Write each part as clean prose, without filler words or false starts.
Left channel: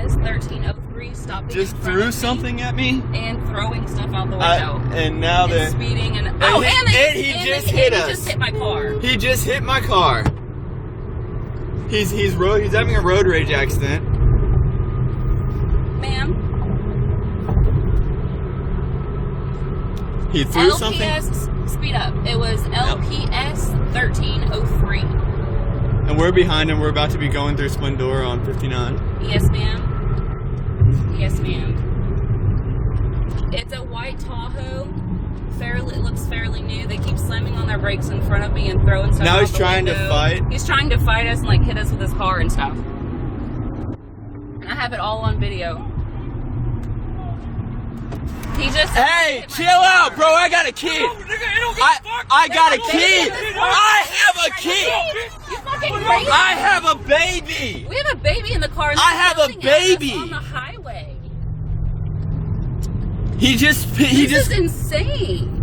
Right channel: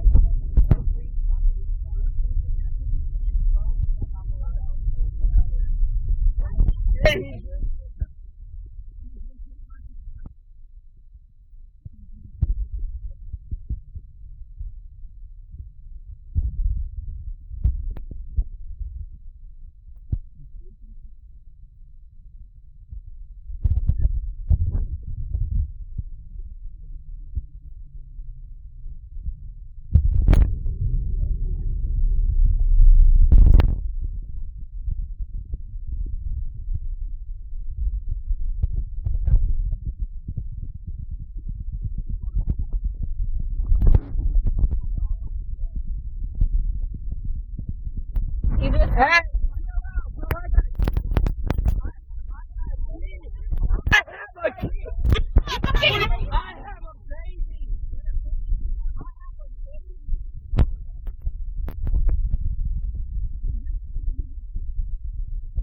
LPS 1303 stopping. Just threw something at me and throwing stuff out the window. And now and they're speeding and he just hit us. He just hit my car. He just hit my car. He's having a road rage accident. Ma'am. He threw LPS, something. Speed up. It was LPS 1303. And we're behind him. We're about to be going through Splendora on 59. Yes, ma'am. Yes, ma'am. It's a white Tahoe. It looks fairly new. They keep slamming on their brakes in front of me and throwing stuff. Now out he's the trying window. to fight. He's trying to fight us and like hit us with his car and stuff. And I have it all on video. He just. Hey, chill out, bro. I got a kid. I got a kid. I have a kid. I have a baby. We have a baby in the car. And I have a baby on the highway. This is insane.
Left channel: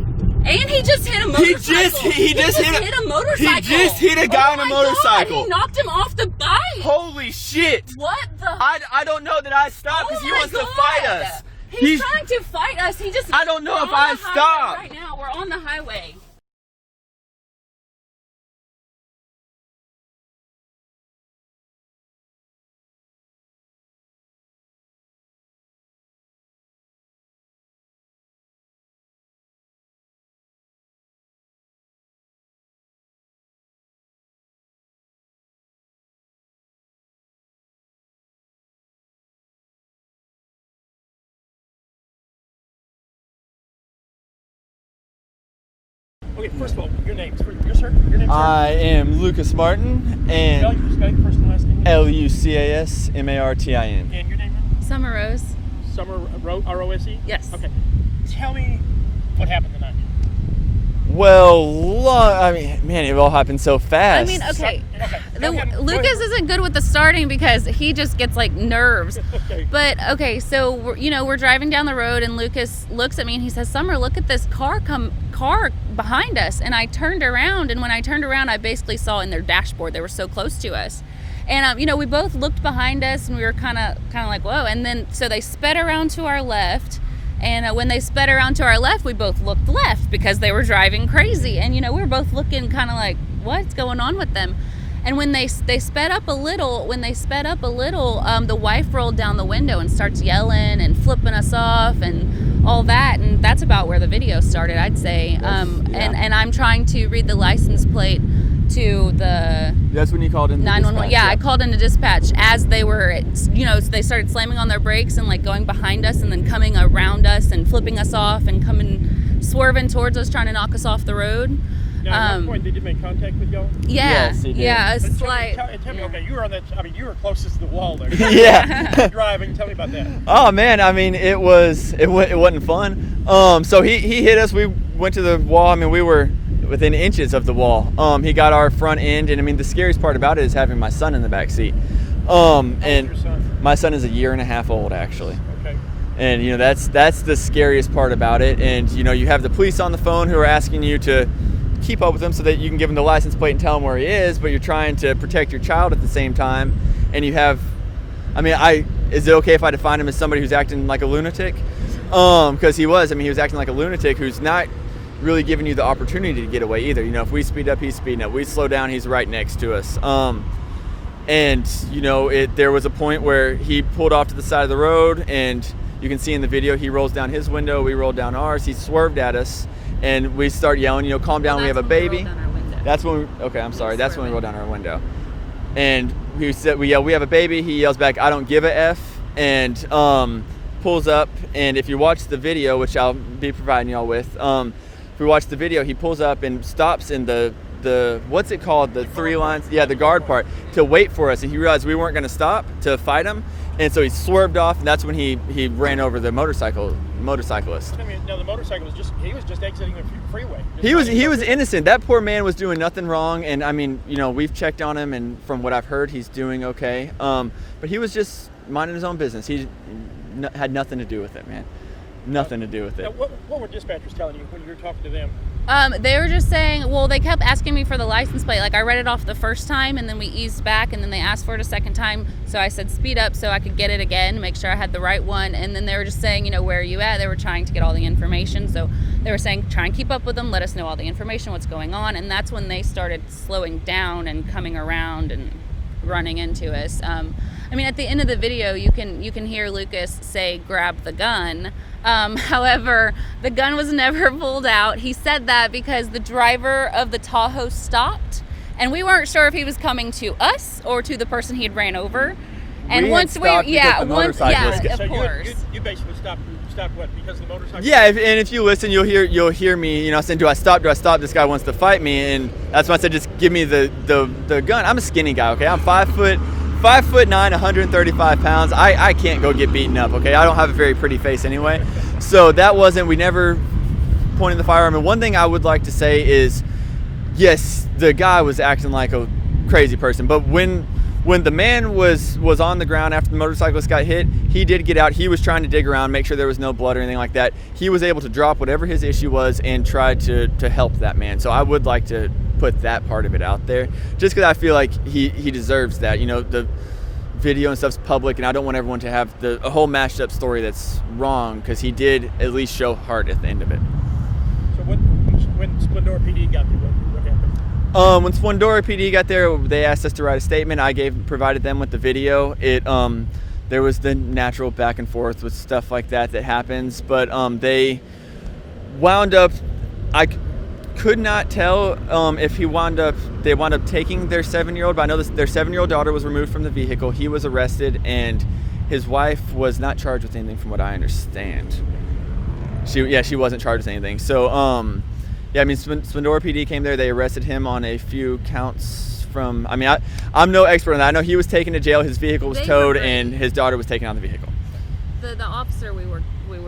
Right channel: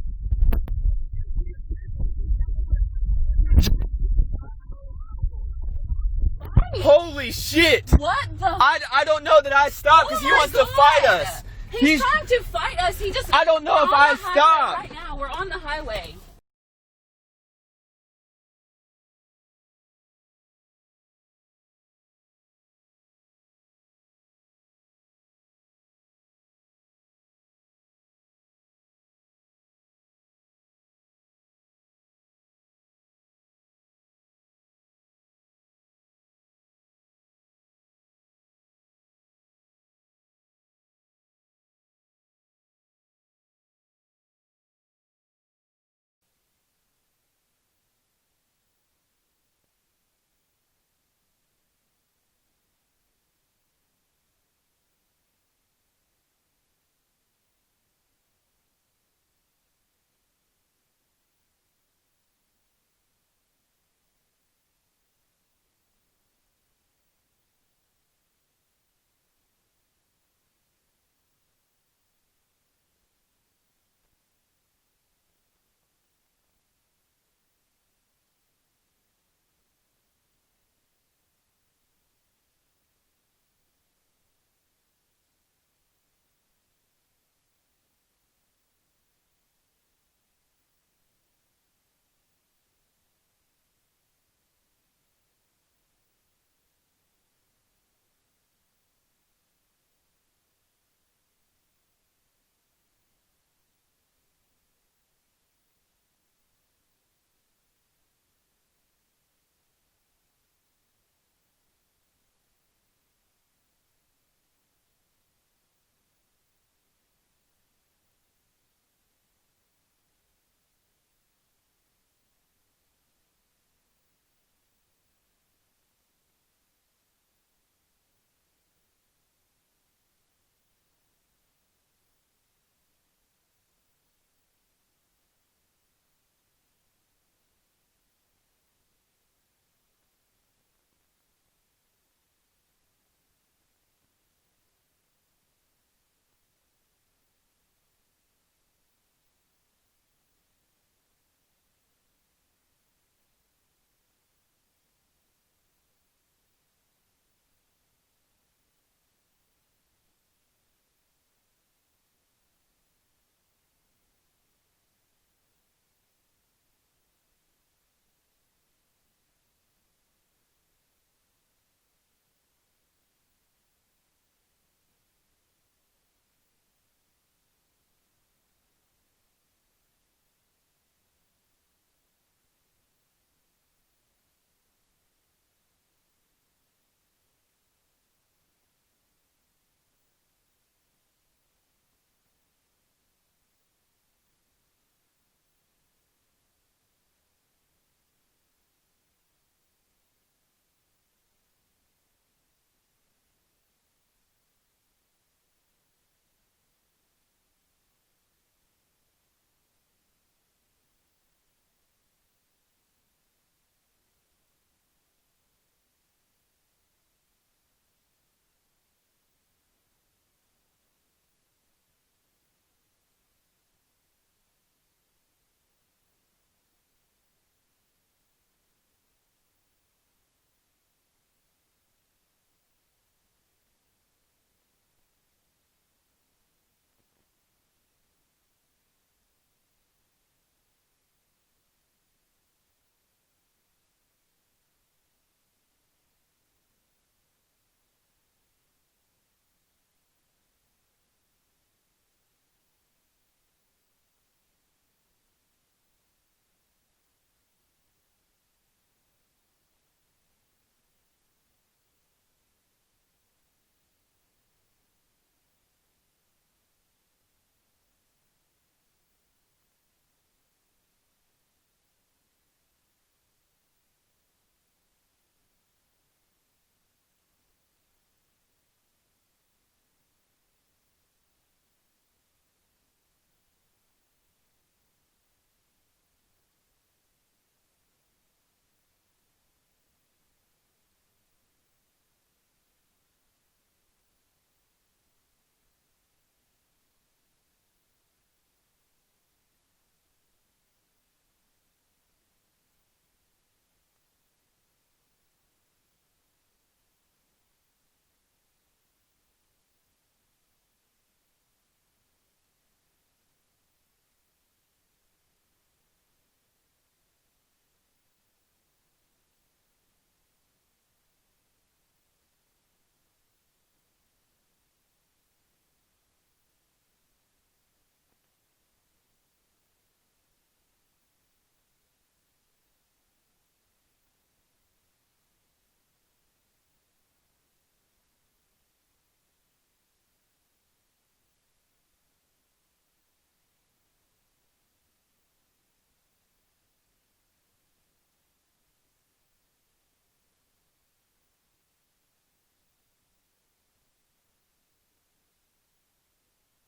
And he just hit a motorcycle. He just hit a motorcycle. He just hit a guy on a motorcycle. God, he knocked him off the bike. Holy shit. What the? I don't know that I stopped because he wants to fight us. He's trying to fight us. I don't know if I stopped. Right now, we're on the highway. Okay, first of all, your name, sir? Your name, sir? I am Lucas Martin, and Spell your first and last name. LUCASMARTIN. And your name? Summer Rose. Summer R-O-S-E? Yes. Okay. Tell me what happened tonight. Well, I mean, man, it all happened so fast. I mean, okay. Lucas isn't good with the starting because he just gets like nerves. Okay. But okay, so we're driving down the road and Lucas looks at me and he says, "Summer, look at this car behind us." And I turned around, and when I turned around, I basically saw in their dashboard, they were so close to us. And we both looked behind us and we were kind of like, whoa. And then so they sped around to our left. And when they sped around to our left, we both looked left because they were driving crazy. And, we were both looking kind of like, what's going on with them? And when they sped up a little, the wife rolled down the window and starts yelling and flipping us off and all that. And that's about where the video started, I'd say. And I'm trying to read the license plate to the... That's when you called in the 911. dispatch, Yeah, I called into dispatch as they were, they started slamming on their brakes and like going behind us and then coming around us and flipping us off and swerving towards us, trying to knock us off the road. Now, at what point did you make contact with y'all? Yeah, Yes, he did. yeah, a Tell slight. me, okay, you were on that, you were closest to the wall there. Yeah. Driving, tell me about that. Oh man, I mean, it wasn't fun. So he hit us. We went to the wall. I mean, we were within inches of the wall. He got our front end, and I mean, the scariest part about it is having my son in the back seat. And your son? my son is a year and a half old, actually. Okay. And that's the scariest part about it. And you have the police on the phone who are asking you to keep up with him so that you can give him the license plate and tell him where he is, but you're trying to protect your child at the same time. And you have, is it okay if I define him as somebody who's acting like a lunatic? Because he was acting like a lunatic who's not really giving you the opportunity to get away either. If we speed up, he's speeding up. We slow down, he's right next to us. And there was a point where he pulled off to the side of the road, and you can see in the video, he rolls down his window, we rolled down ours, he swerved at us, and we start yelling, calm down, we have a baby. That's when that's when we rolled down our window. And we said, we have a baby, he yells back, "I don't give a F," and pulls up, and if you watch the video, which I'll be providing y'all with, if we watch the video, he pulls up and stops in the what's it called, the three lines, the guard part, to wait for us, and he realized we weren't going to stop to fight him, and so he swerved off, and that's when he ran over the motorcyclist. I mean, now the motorcycle was just exiting the freeway. He was innocent. That poor man was doing nothing wrong, and I mean, we've checked on him, and from what I've heard, he's doing okay. But he was just minding his own business. He had nothing to do with it, man. Nothing to do with it. Now, what were dispatchers telling you when you were talking to them? They were just saying, well, they kept asking me for the license plate. Like, I read it off the first time, and then we eased back, and then they asked for it a second time. So I said speed up so I could get it again, make sure I had the right one. And then they were just saying, you know, where are you at? They were trying to get all the information. So they were saying, try and keep up with them, let us know all the information, what's going on. And that's when they started slowing down and coming around and running into us. I mean, at the end of the video, you can hear Lucas say, grab the gun. However, the gun was never pulled out. He said that because the driver of the Tahoe stopped, and we weren't sure if he was coming to us or to the person he had ran over. And of course. So you basically stopped what? Because of the motorcycle? Yeah, and if you listen, you'll hear me, you know, saying, do I stop? This guy wants to fight me. And that's why I said, just give me the gun. I'm a skinny guy, okay? I'm 5'9", 135 pounds. I can't go get beaten up, okay? I don't have a very pretty face anyway. So we never pointed the firearm. And one thing I would like to say is, yes, the guy was acting like a crazy person, but when the man was on the ground after the motorcyclist got hit, he did get out. He was trying to dig around, make sure there was no blood or anything like that. He was able to drop whatever his issue was and try to help that man. So I would like to put that part of it out there, just because I feel like he deserves that. You know, the video and stuff's public, and I don't want everyone to have a whole mashed up story that's wrong, because he did at least show heart at the end of it. So when Splendora PD got there, what happened? When Splendora PD got there, they asked us to write a statement. I provided them with the video. There was the natural back and forth with stuff like that happens, but they wound up. I could not tell if they wound up taking their 7-year-old, but I know their 7-year-old daughter was removed from the vehicle. He was arrested, and his wife was not charged with anything, from what I understand. She wasn't charged with anything. So yeah, I mean, Splendora PD came there. They arrested him on a few counts from. I mean, I'm no expert on that. I know he was taken to jail. His vehicle was towed, and his daughter was taken out of the vehicle. The officer we were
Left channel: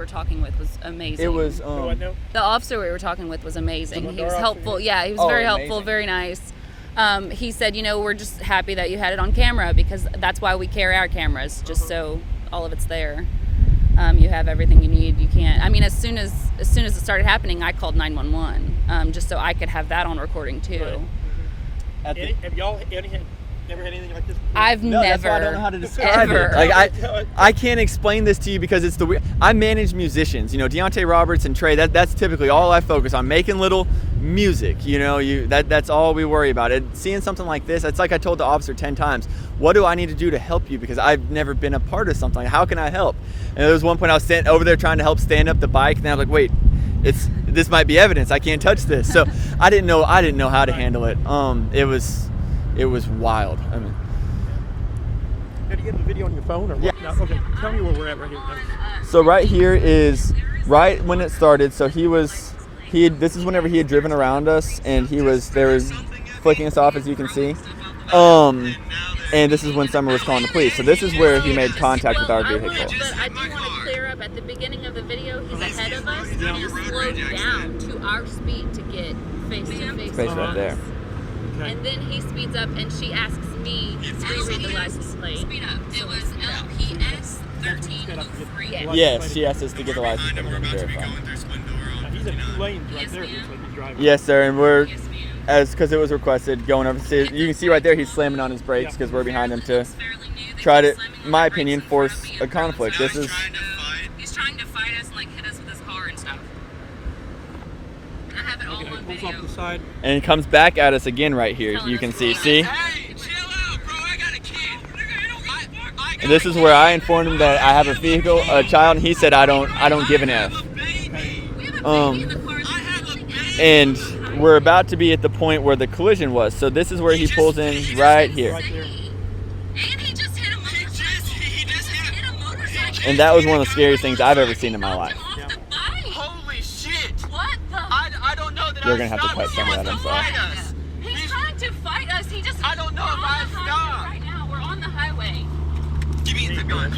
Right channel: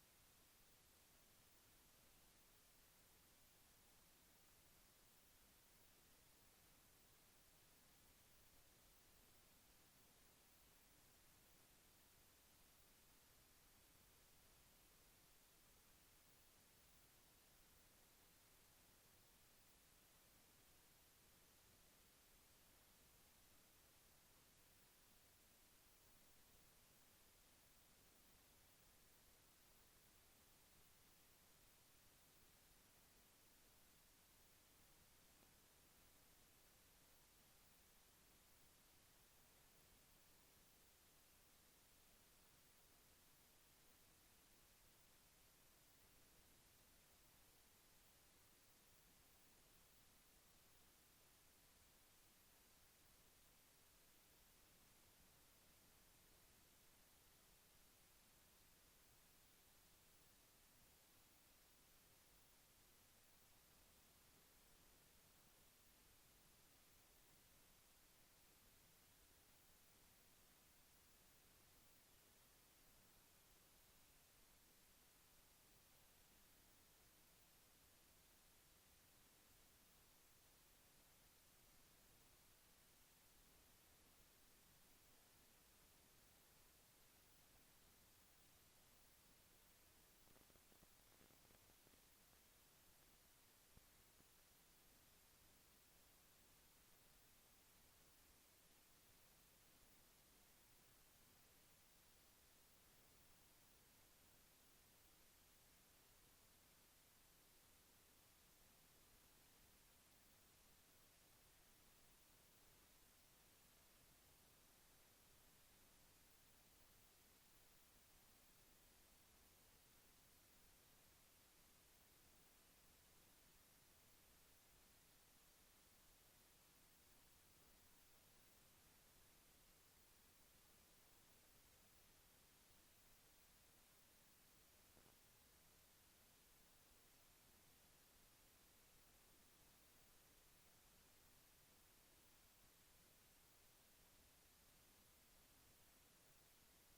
talking with was amazing. It was the officer we were talking with was amazing. He was helpful. Yeah, he was very helpful, very nice. He said, you know, we're just happy that you had it on camera, because that's why we carry our cameras, just so all of it's there. You have everything you need. You can't. I mean, as soon as it started happening, I called 911 just so I could have that on recording too. Right. Have y'all never had anything like this before? I've never. That's why I don't know how to describe ever. it. Like I can't explain this to you, because it's I manage musicians. You know, Deontay Roberts and Trey. That's typically all I focus on, making little music. You know, that's all we worry about. And seeing something like this, it's like I told the officer 10 times. What do I need to do to help you? Because I've never been a part of something. How can I help? And there was one point I was standing over there trying to help stand up the bike, and I was like, wait, this might be evidence. I can't touch this. So I didn't know how to handle it. It was wild. I mean, did you get the video on your phone or what? Yeah. No, okay. Tell me where we're at right here. So right here is right when it started. So this is whenever he had driven around us, and there was flicking us off, as you can see. And this is when Summer was calling the police. So this is where he made contact with our vehicle. But I do want to clear up, at the beginning of the video, he's ahead of us, and he slowed down to our speed to get face to face. Face right there. Okay. And then he speeds up, and she asks me to reread the license plate. Speed up. It was LPS 1303. Yes, she asked us to get the license plate and verify. He's in 2 lanes right there. Looks like he's driving. Yes, sir, and we're, because it was requested, going over. You can see right there he's slamming on his brakes, because we're behind him to try to, in my opinion, force a conflict. He's trying to fight us and like hit us with his car and stuff. I have it all on Pulls video. off the side. And he comes back at us again right here. You can see. See? Hey, chill out, bro. I got a kid. And this is where I informed him that I have a vehicle, a child, and he said I don't give an F. And we're about to be at the point where the collision was. So this is where he pulls in right here. Right there. And he just hit a motorcycle. And that was one of the scariest things I've ever seen in my life. Yeah. Holy shit. What the? I don't know that You're I gonna have to stopped. cut some of that, He I'm wants to sorry. fight us. He's trying to fight us. He just. I don't know if we're on I the highway stopped. right now. We're on the highway. Give me the gun.